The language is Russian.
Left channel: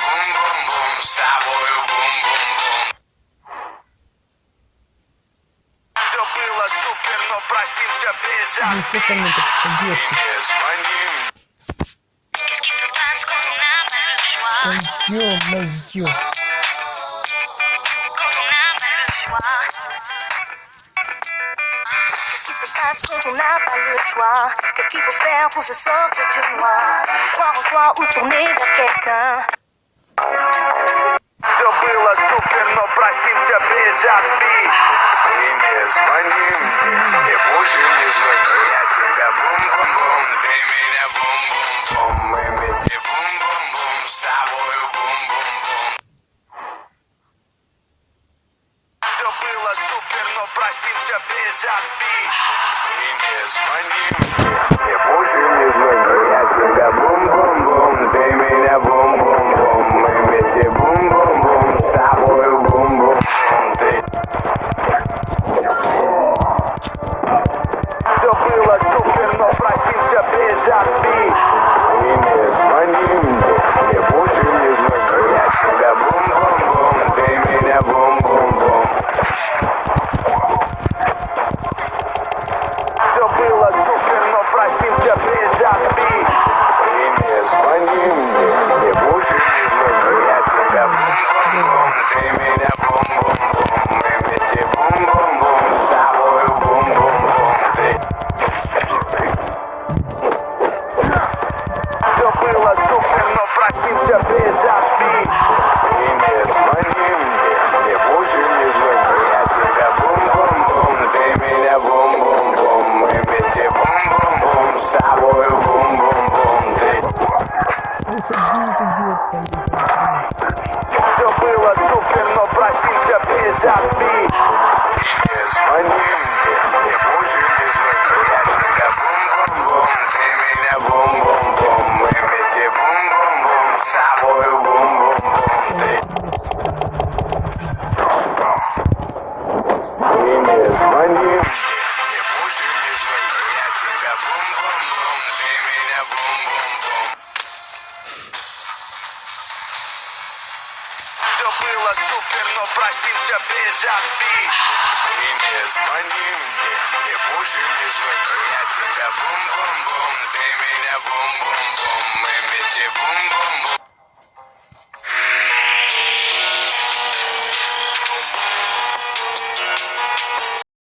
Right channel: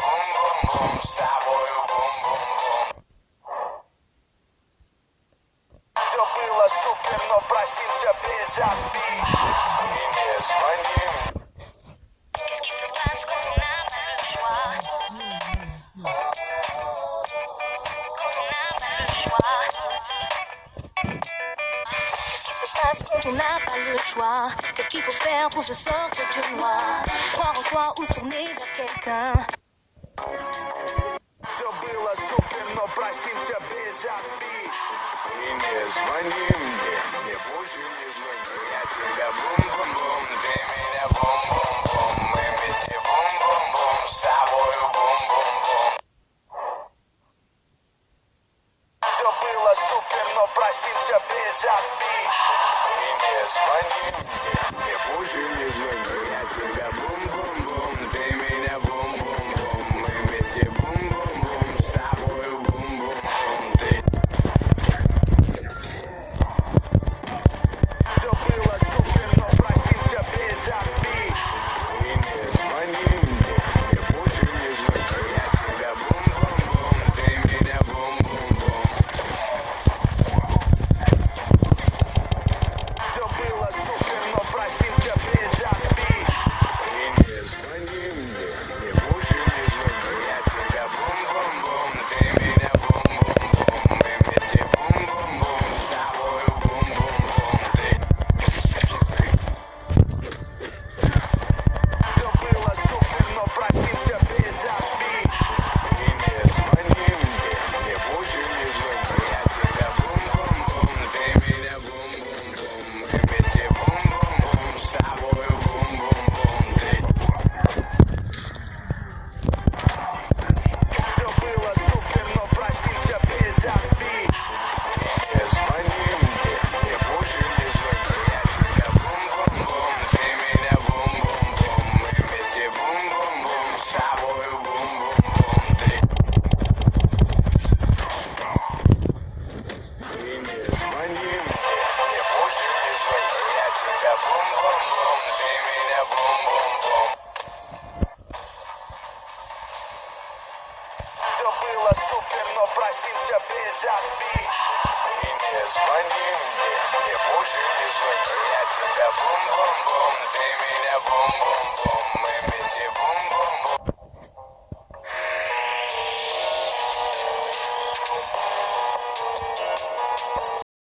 бум-бум-бум, с тобою бум-бум-бум. Все было супер, но просился без обид. И не звони мне. Ё-моё. Parce que tu n'as pas le choix. Qu'est-ce qu'il faut faire pour se sortir du noir? Croire en soi ou se tourner vers quelqu'un. Все было супер, но просился без обид. И не звони мне больше не звони. Я тебя бум-бум-бум, ты меня бум-бум-бум. Мы вместе бум-бум-бум, с тобою бум-бум-бум. Все было супер, но просился без обид. И не звони мне больше не звони. Я тебя бум-бум-бум, ты меня бум-бум-бум. Мы вместе бум-бум-бум, с тобою бум-бум-бум. Все было супер, но просился без обид. И не звони мне больше не звони. Я тебя бум-бум-бум, ты меня бум-бум-бум. Все было супер, но просился без обид. И не звони мне больше не звони. Я тебя бум-бум-бум, ты меня бум-бум-бум. Мы вместе бум-бум-бум, с тобою бум-бум-бум. Все было супер, но просился без обид. И не звони мне больше не звони. Я тебя бум-бум-бум, ты меня бум-бум-бум. Мы вместе бум-бум-бум, с тобою бум-бум-бум. Все было супер, но просился без обид. И не звони мне больше не звони. Я тебя бум-бум-бум, ты меня бум-бум-бум. Мы вместе бум-бум-бум, с тобою бум-бум-бум. И не звони мне больше не звони. Я тебя бум-бум-бум, ты меня бум-бум-бум. Все было супер, но просился без обид. И не звони мне больше не звони. Я тебя бум-бум-бум, ты меня бум-бум-бум. Мы вместе бум-бум-бум.